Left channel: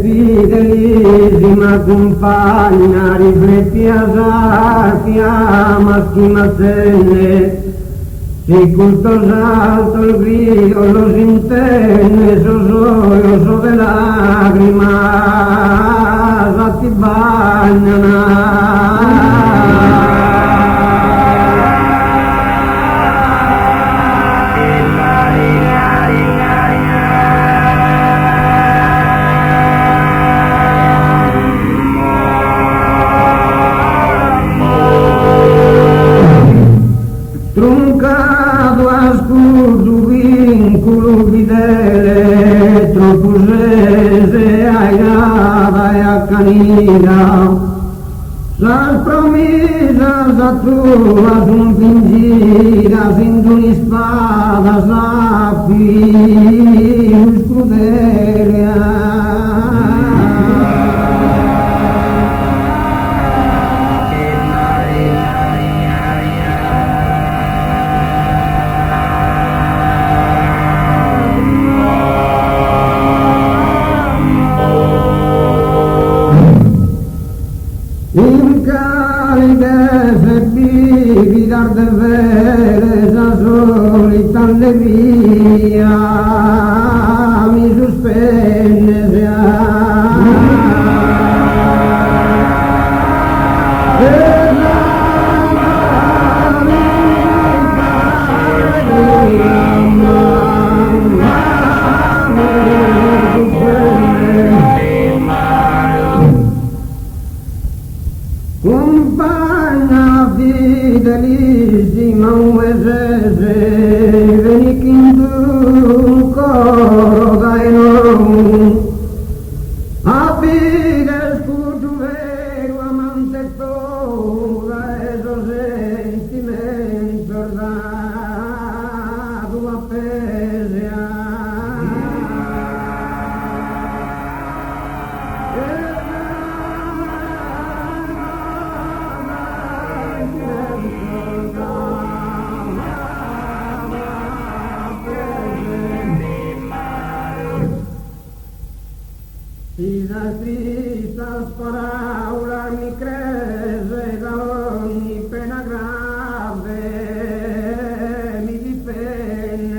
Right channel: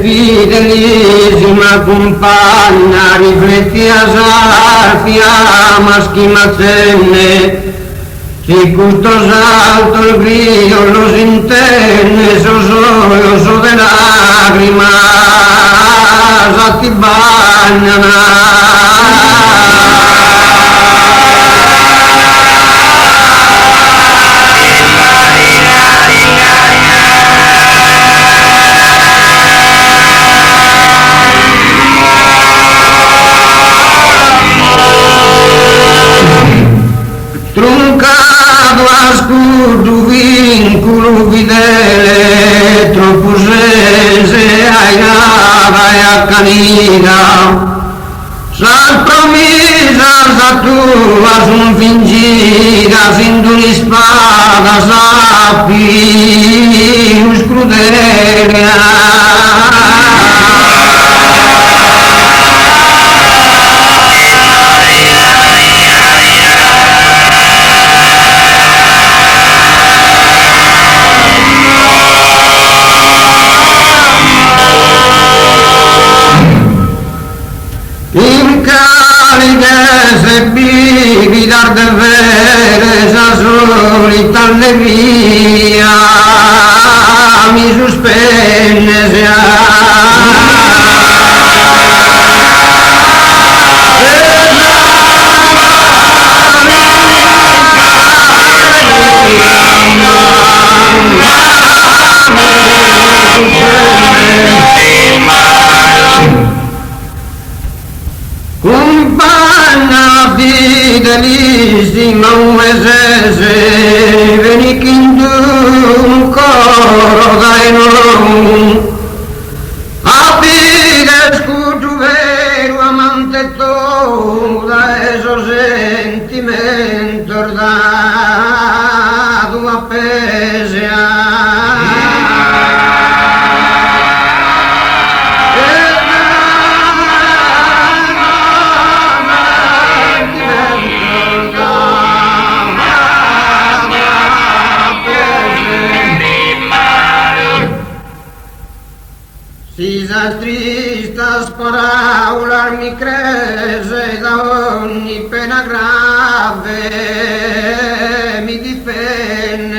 Fidelissima compagna, rifletti a Safia, maschimazzenne, si custos alto il grillo lo si intende, so de lacrima, ti bagnano. Truncado a scudo vincolo fidele, troppo sese ai a canina, sal promisas a tua son fingidas in d'una spada sappi scrudele. In cariche se bivi dar de vere sa solita allegria mi sospende se compagna fidelissima uesese, veni un coro dai non, abide scudo vero amante tu, da eso sentimento da tua pesea. Si tristas paraulas mi crese da ogni pena grave mi difende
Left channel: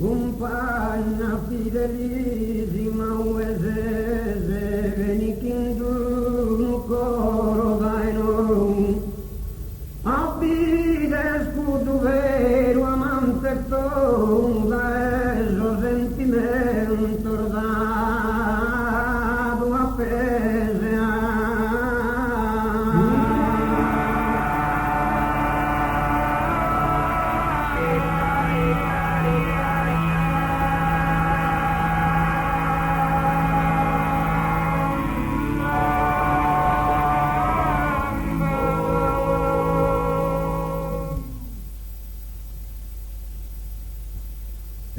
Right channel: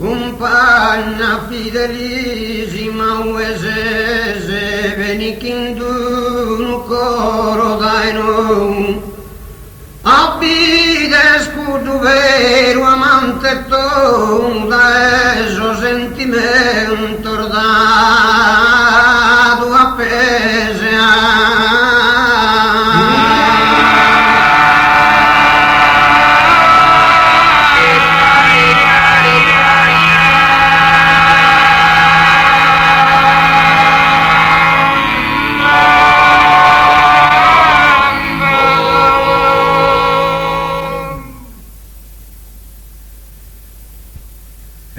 compagna fidelissima uesese, veni un coro dai non, abide scudo vero amante tu, da eso sentimento da tua pesea.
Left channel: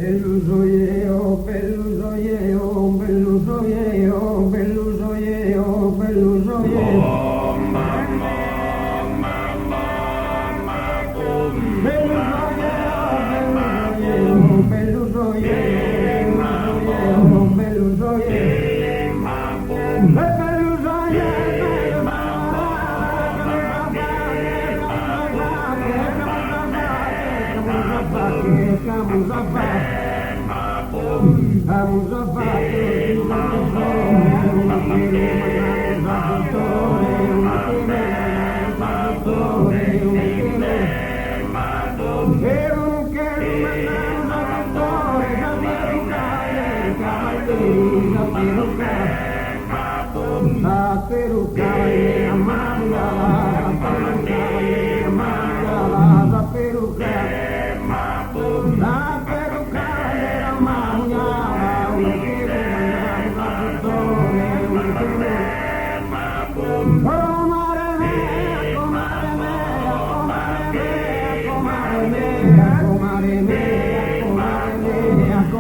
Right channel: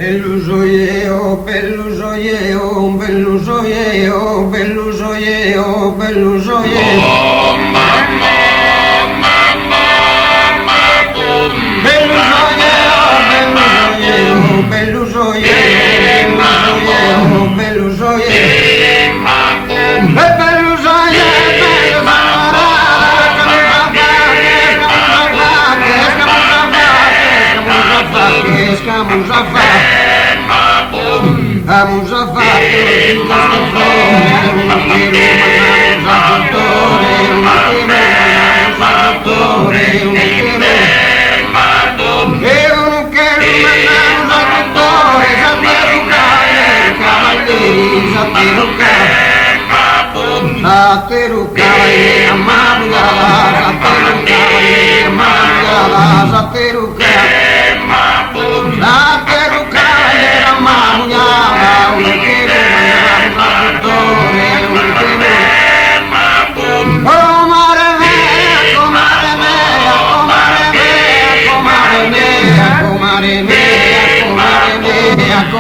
Bellusoieo, bellusoieo, bellusoieo, bellusoieo, bellusoieo. Vamos a fare un comare mea,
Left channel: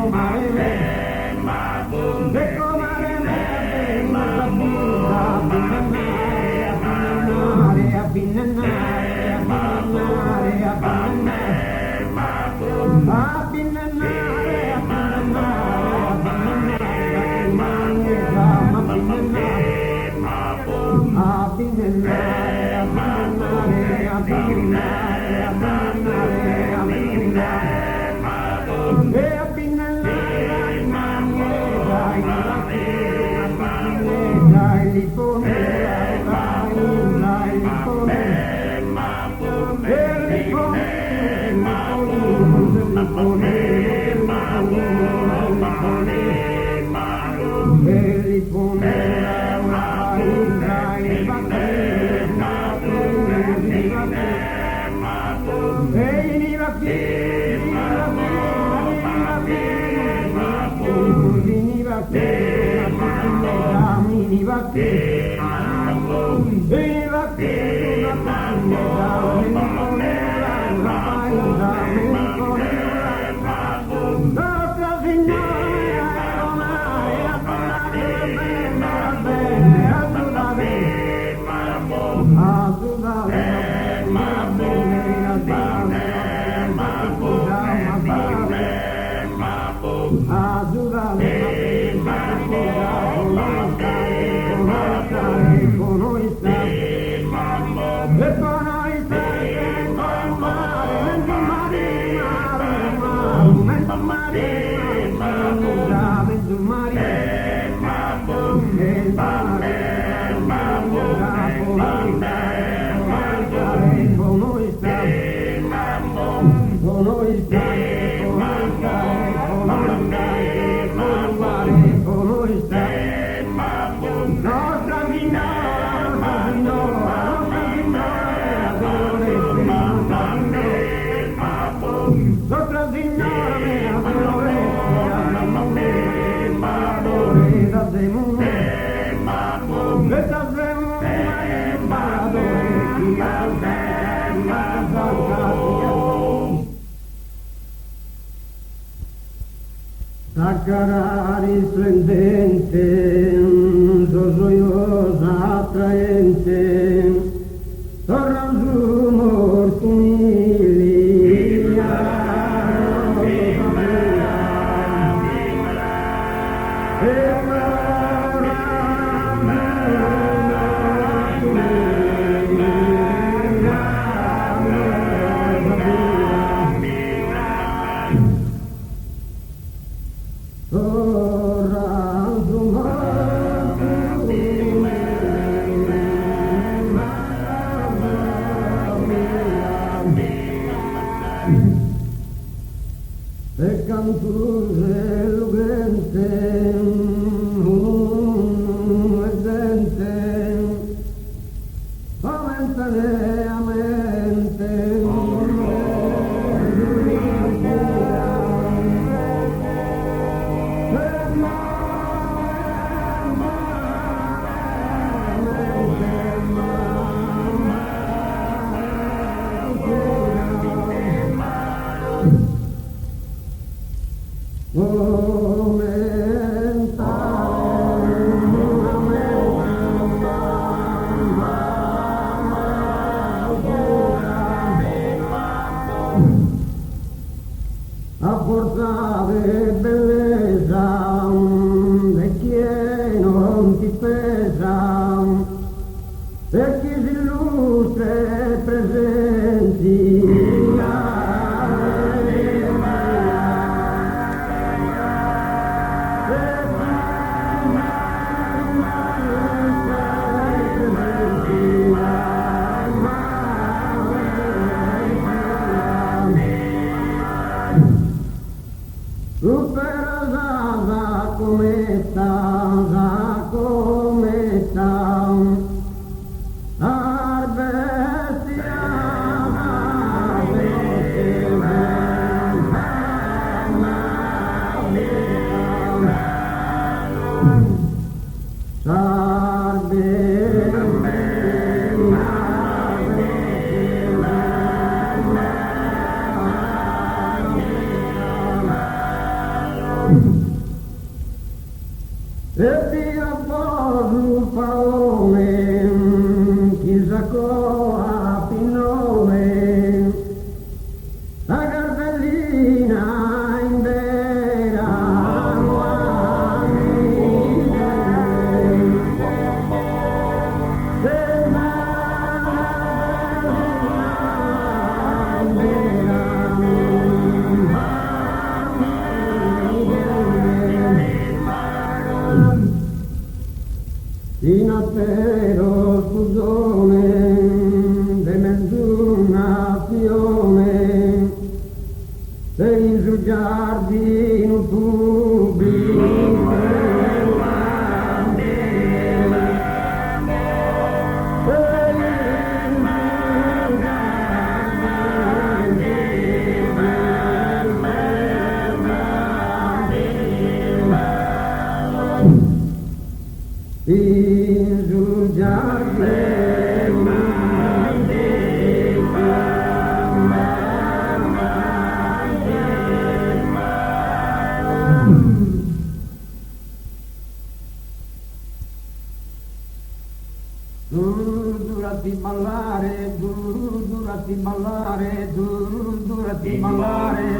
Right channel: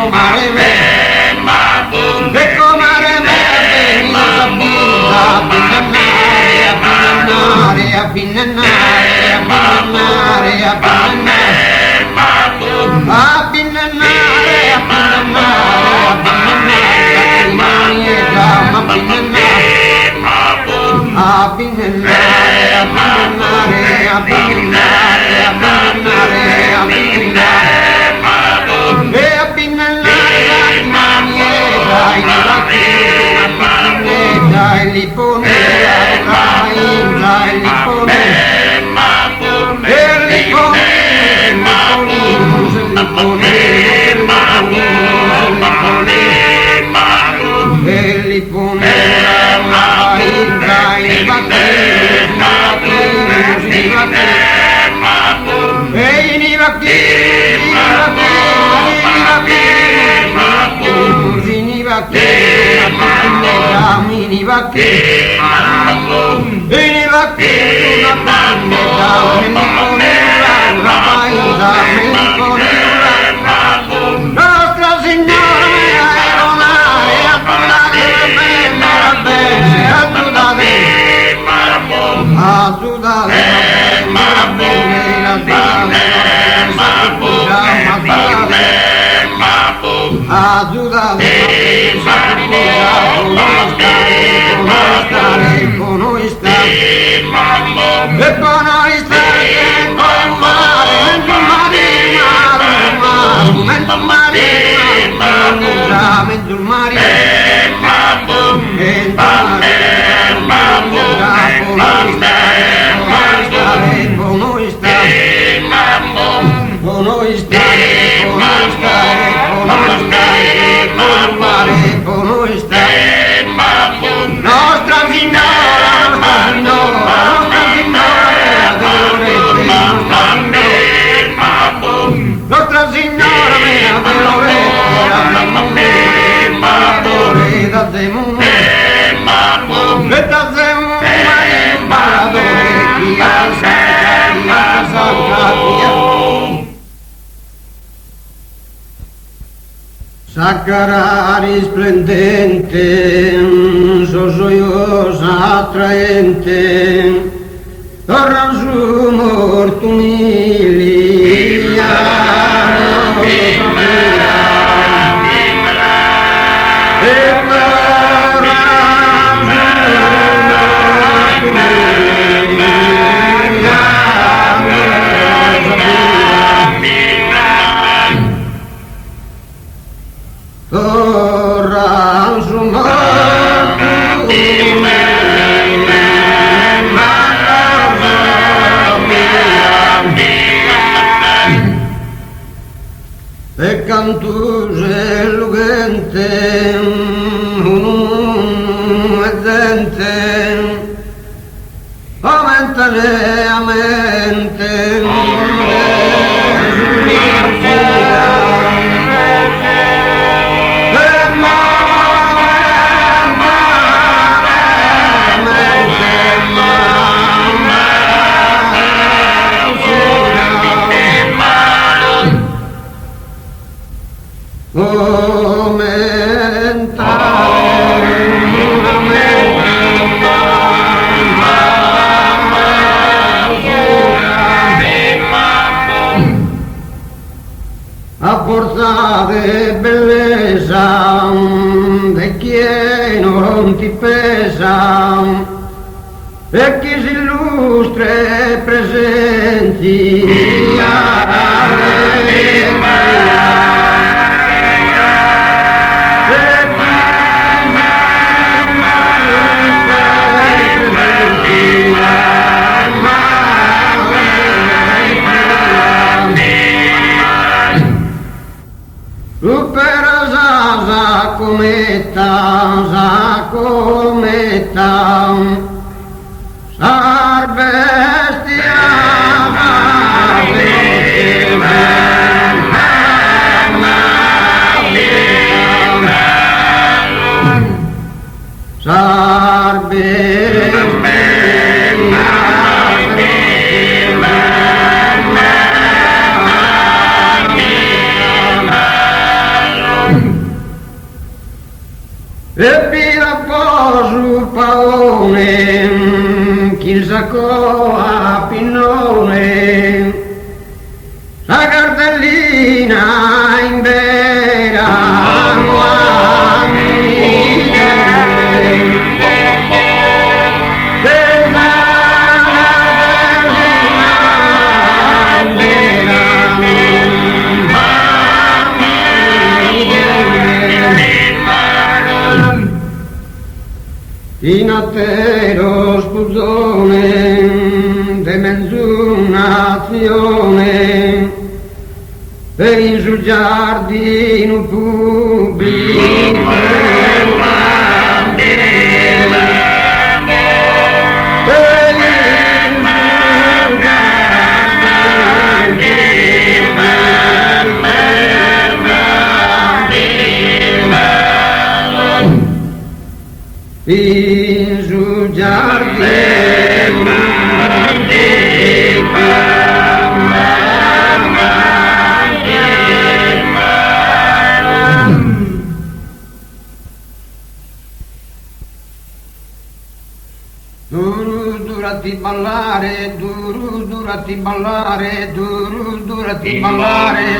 comare me, e comare me, veniva saputa, a pinnare, a pinnare, a pinnare, a pinnare, a pinnare, a pinnare, a Nostra Signora Saccara risplendente, sogiosa, attraente, torna su morto umilia. E cantuse lugente, mezzente, aumentane a mente, a forza de bellezza, de chi non ti pesa, e chi si illustre presenti. Cometa, sar bestia, sar e vira po' sul paone, chi il sacco a pinnone, la cartellina in vera, in attero spuzzone de mezzunazione per in sul giardino pubblico in sul giardino durati ballare, durati ballare, durati ballare,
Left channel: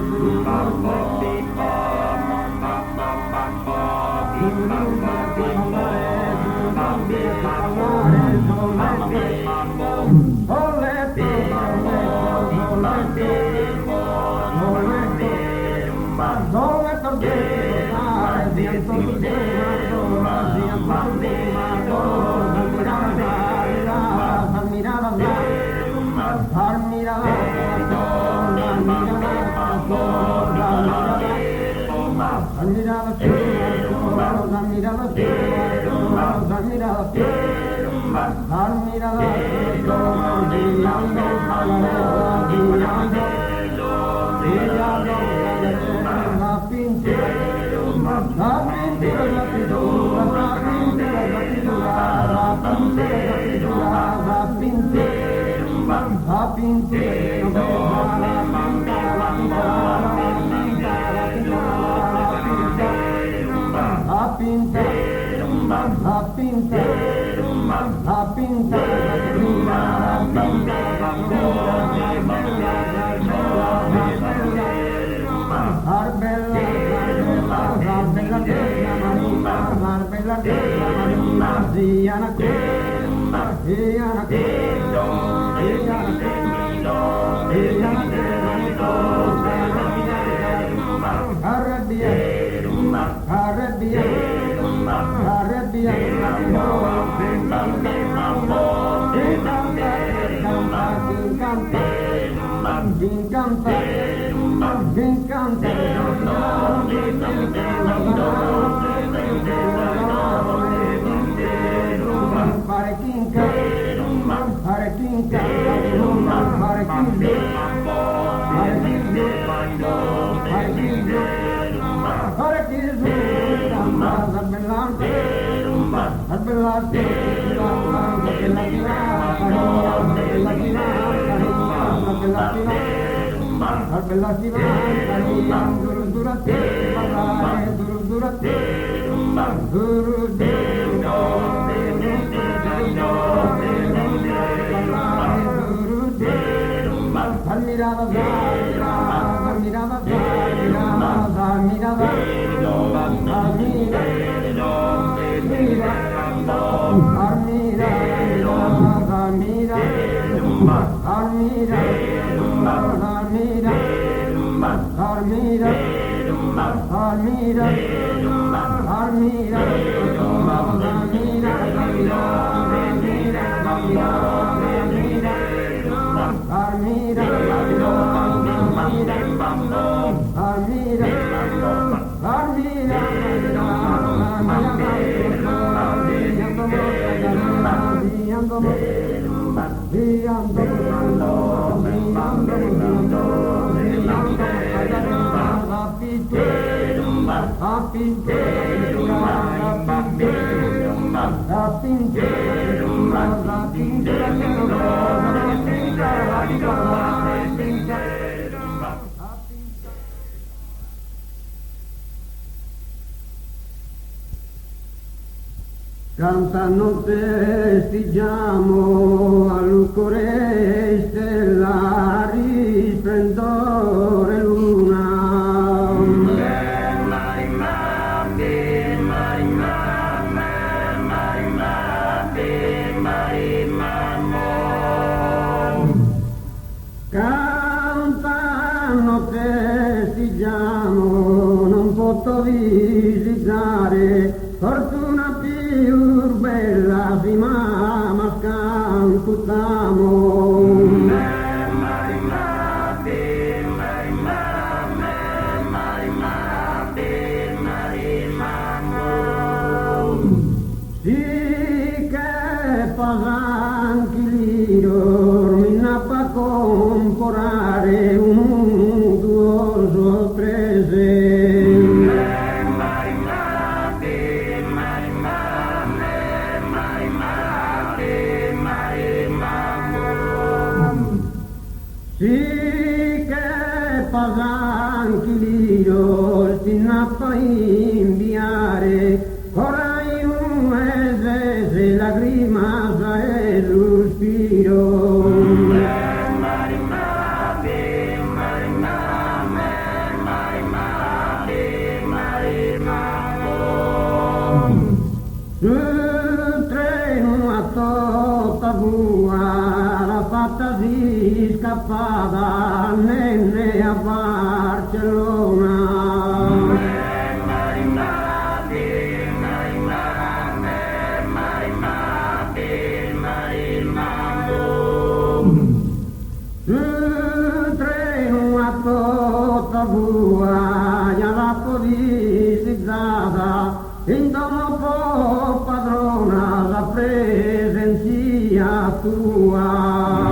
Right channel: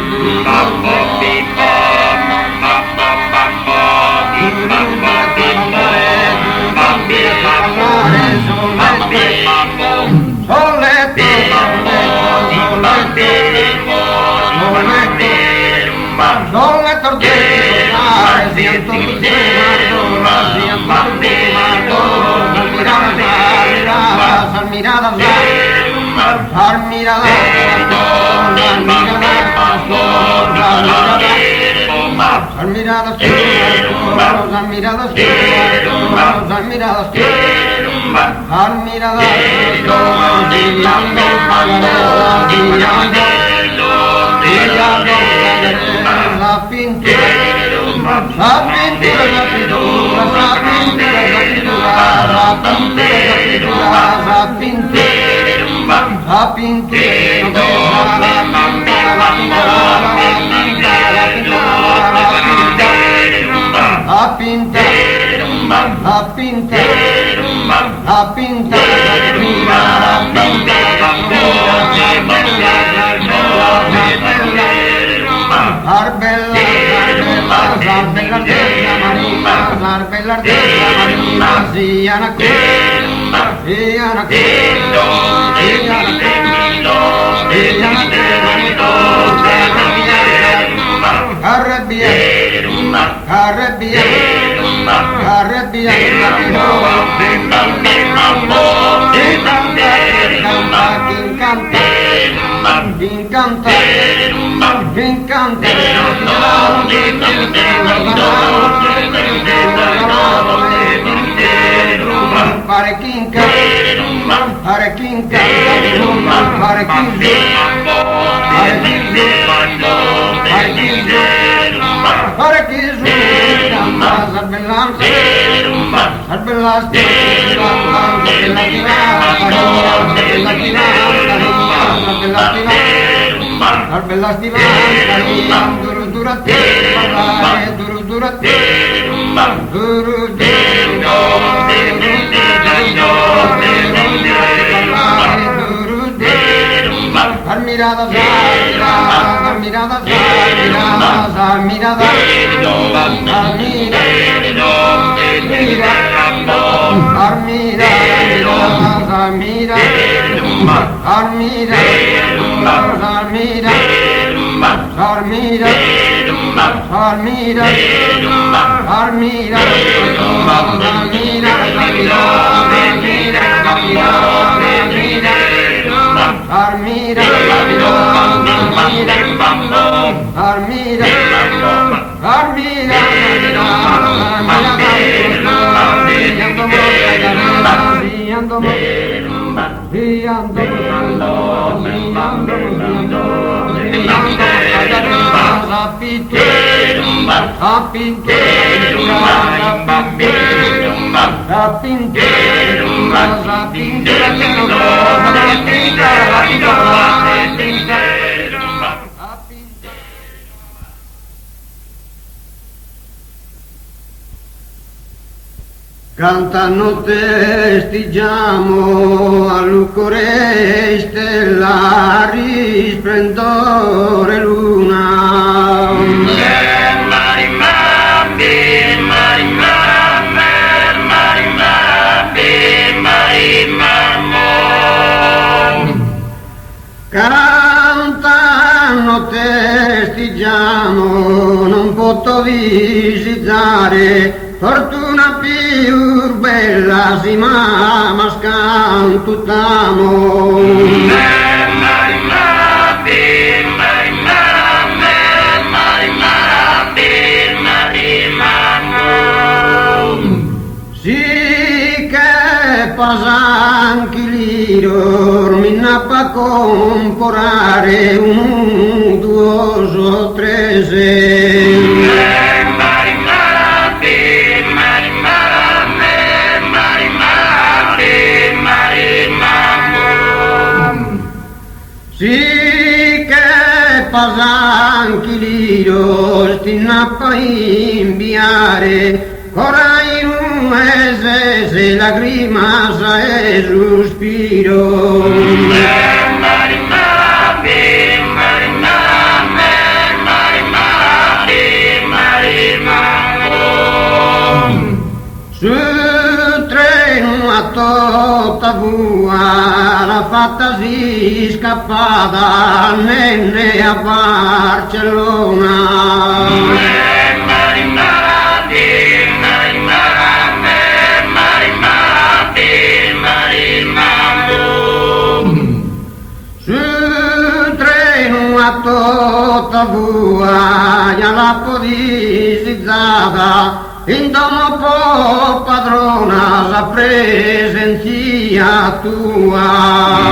cantano testiggiamo a lucore stellari splendore luna. Cantano testiggiamo non posso visitare fortuna più bella si ma scantutamo. Sì che pasanchi liro mi nappa comporare un duoso trese. Sì che pasanchi liro sti nappa inviare corai un ese se lagrima sa e sospiro. Su treno a tutta vua la fatta si scappata nenne a Barcellona. Su treno a tutta vua la podisizzata in domo po' padrona la presenzia tua.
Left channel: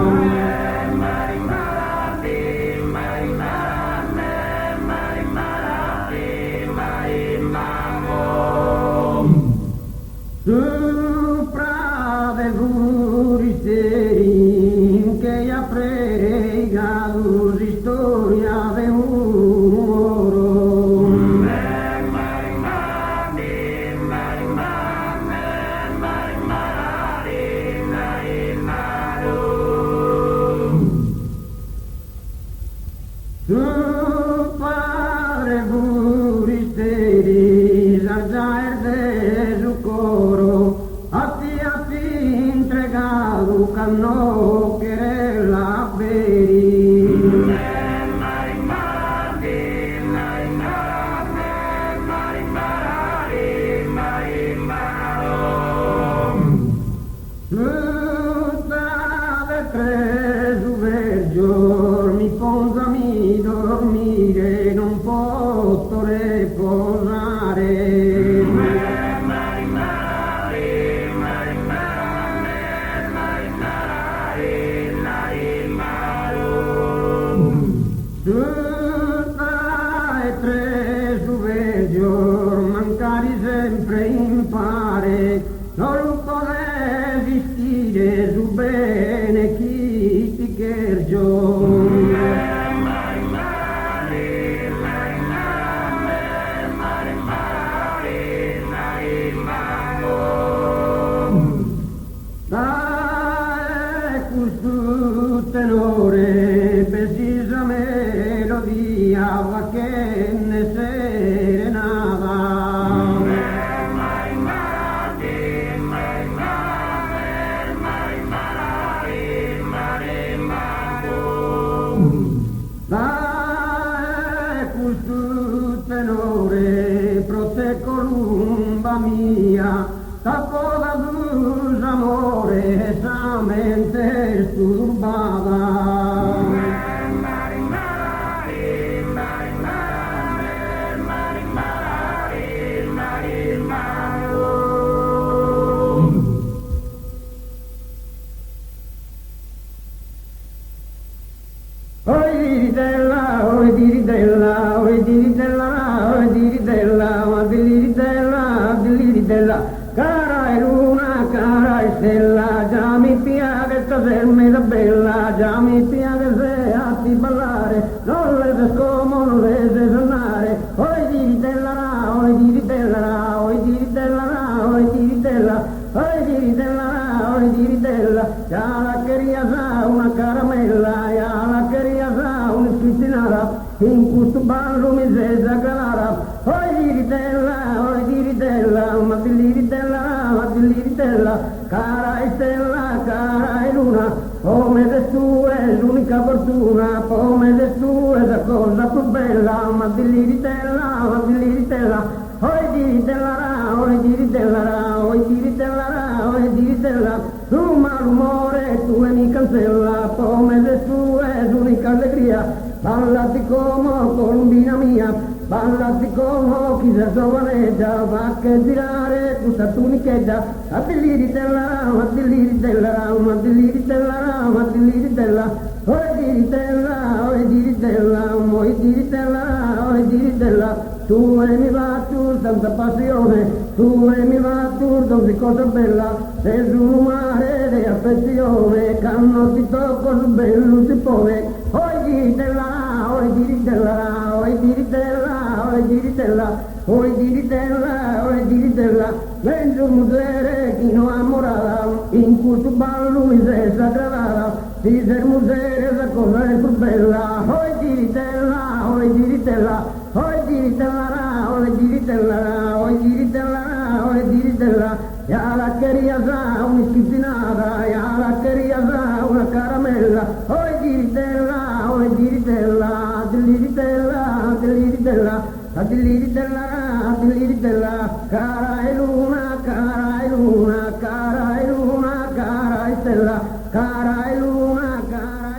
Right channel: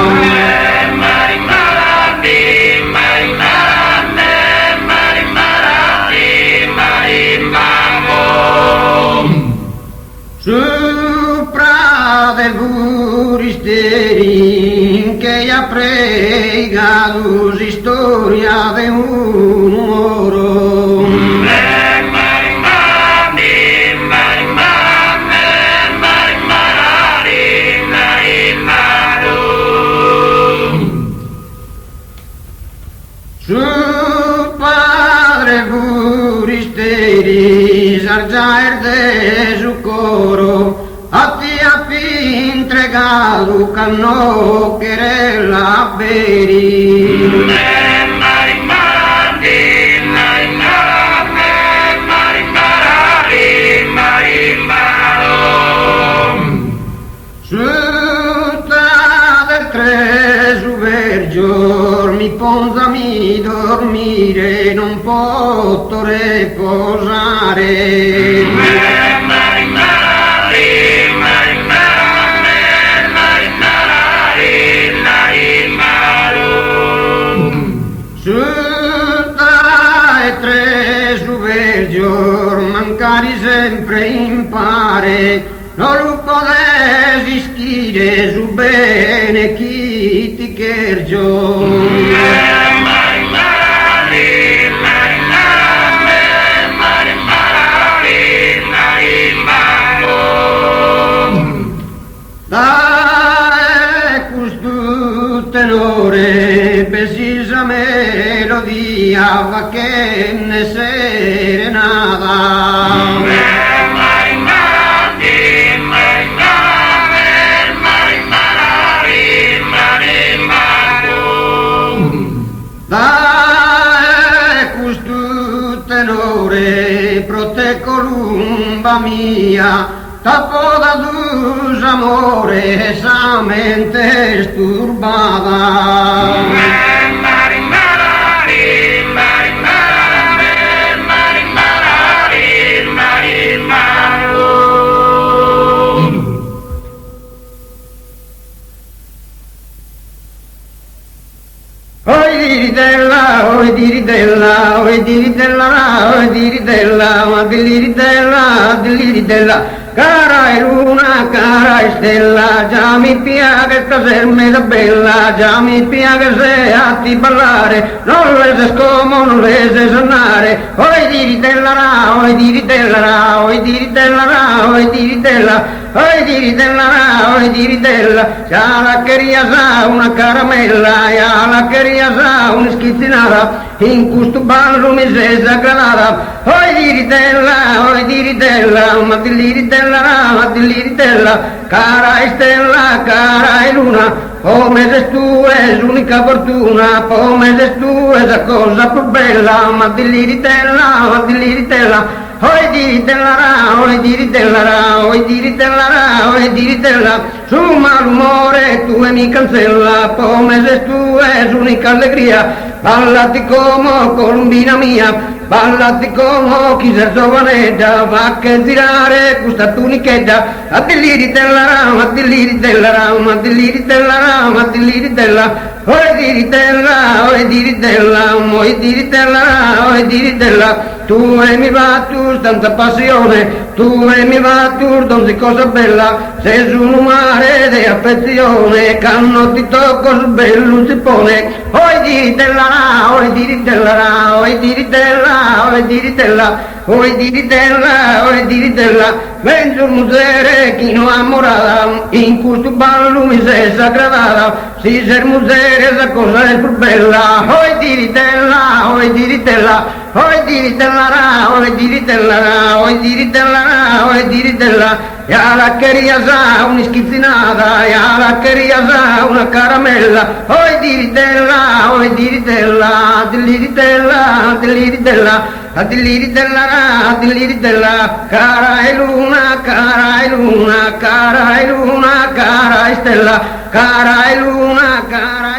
Sopra del buristeri che ha pregato storia de un oro. Su padre buristeri sargiaer de su coro a ti ha entregado canno querella beri. Su del tre su vergior mi ponzami dormire non posso riposare. Su tre su vergior mancari sempre impare non lo può esistere su bene chi ti chergio. Dai questo tenore precisa melodia va che ne serenata. Dai questo tenore prote columba mia tappo da dus amore sa mente sturbata. Oi diridella, oi diridella, oi diridella, oi diridella, ma diridella, cara è luna, cara è stella, già mi piace caserme da bella, già mi piace se a ti ballare, non le se scomo, non le se sonare, oi diridella, oi diridella, oi diridella, oi diridella, diritella, ya la quería sa una caramella, ya la quería sa una schizzinata, in questo ballo mi sei sagranata. Oi diritella, ma diliritella, cara stella, cara e luna, come se tu è l'unica fortuna, come se tu è la cosa più bella, ma diliritella, oi diritella, su malumore tu e mi cancella, come se tu è l'unica allegria, ballati come colombina mia, ballati come chi sei giovanetta, va che girare questa tunichetta, a diliritella, oi diritella, tu e mi va tu tanta passione, tu e mi va tu donde cosa bella, sei su un mare di affezione, canno ti tocco su bello si pone, oi diritella, ven sul musere chi non amorata, in questo ballo mi sei sagradata, si ser musere la cosa è più bella, oi diritella, ya la quería sa una schizzinata, ya la quería sa una caramella, oi diritella, cara e luna, cara e stella, cara e luna, cara e